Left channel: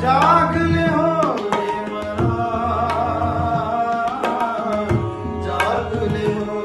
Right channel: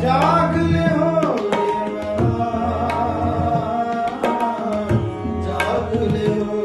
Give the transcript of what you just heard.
ਜਾਗ ਲਿਓ ਮੇਰਾ ਜਾਗ ਲਿਓ